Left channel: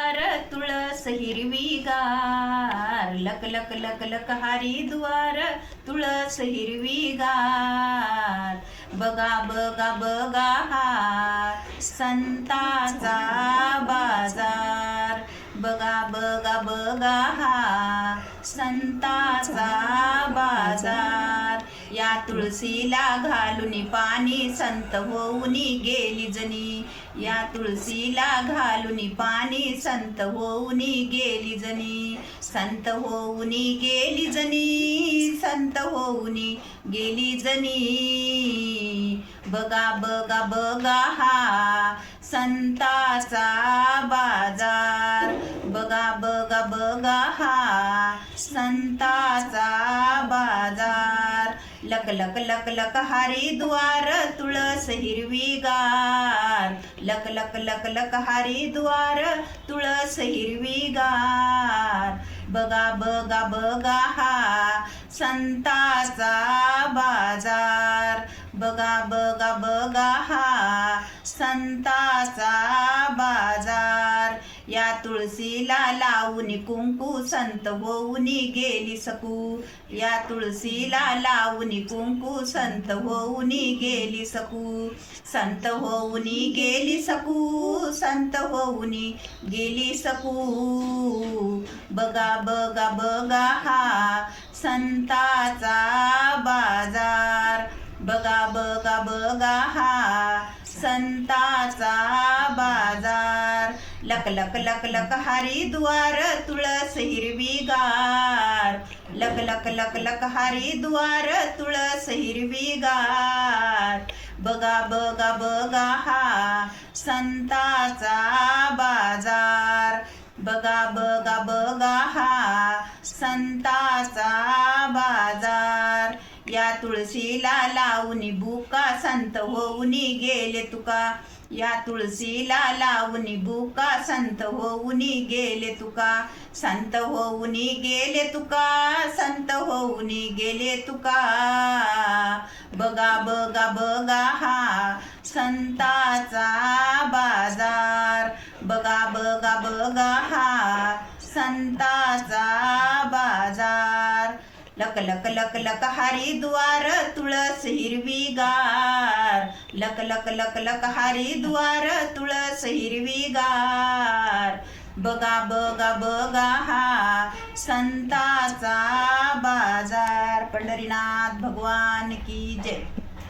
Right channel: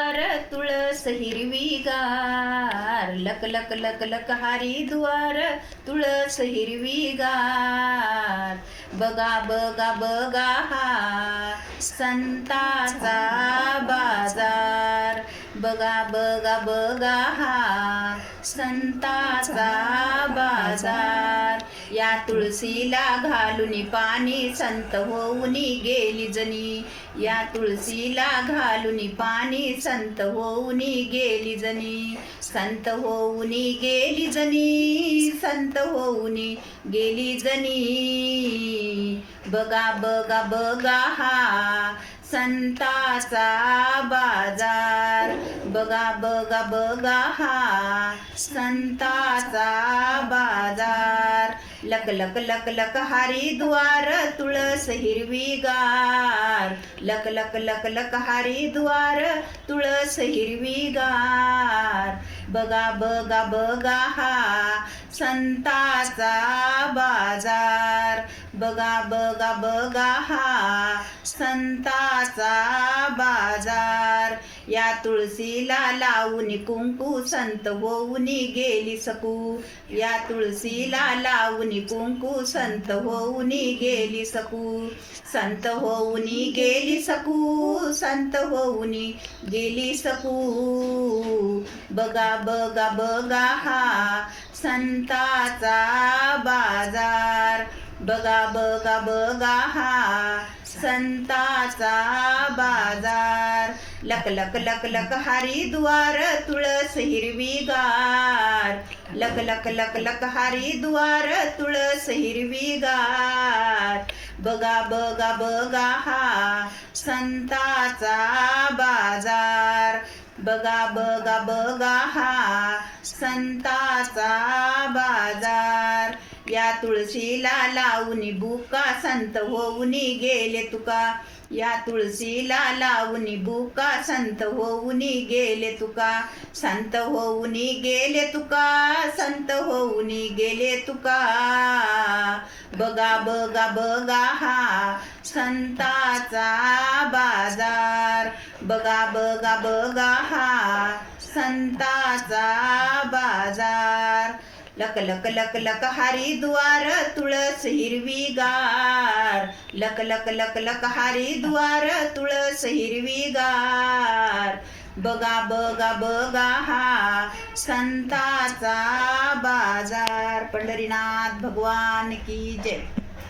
तुळस हिरवीगार, लक लक लक लक हरिद्वार, तुळस हिरवीगार. बघा बघा बघा हा संताचा बाजार, बघा बघा बघा हा संताचा बाजार. या तुळशीला घालून पाणी संत होऊन गेली जणी, या तुळशीला घालून पाणी संत होऊन गेली जणी, संत होऊन गेली जणी, संत होऊन गेली जणी. बघा बघा बघा हा संताचा बाजार, बघा बघा बघा हा संताचा बाजार. लक लक लक लक हरिद्वार, तुळस हिरवीगार, लक लक लक लक हरिद्वार, तुळस हिरवीगार. बघा बघा बघा हा संताचा बाजार, बघा बघा बघा हा संताचा बाजार. या तुळशीला लावून कुंकू संत होऊन गेली सकू, या तुळशीला लावून कुंकू संत होऊन गेली सकू, संत होऊन गेली सकू, संत होऊन गेली सकू. बघा बघा बघा हा संताचा बाजार, बघा बघा बघा हा संताचा बाजार. लक लक लक लक हरिद्वार, तुळस हिरवीगार, लक लक लक लक हरिद्वार, तुळस हिरवीगार. बघा बघा बघा हा संताचा बाजार, बघा बघा बघा हा संताचा बाजार. या तुळशीला लावून बुका संत होऊन गेले तुका, या तुळशीला लावून बुका संत होऊन गेले तुका, संत होऊन गेले तुका, संत होऊन गेले तुका. बघा बघा बघा हा संताचा बाजार, बघा बघा बघा हा संताचा बाजार. लक लक लक लक हरिद्वार, तुळस हिरवीगार, लक लक लक लक हरिद्वार, तुळस हिरवीगार. बघा बघा बघा हा संताचा बाजार. पंढरीनाथ भगवान की जय.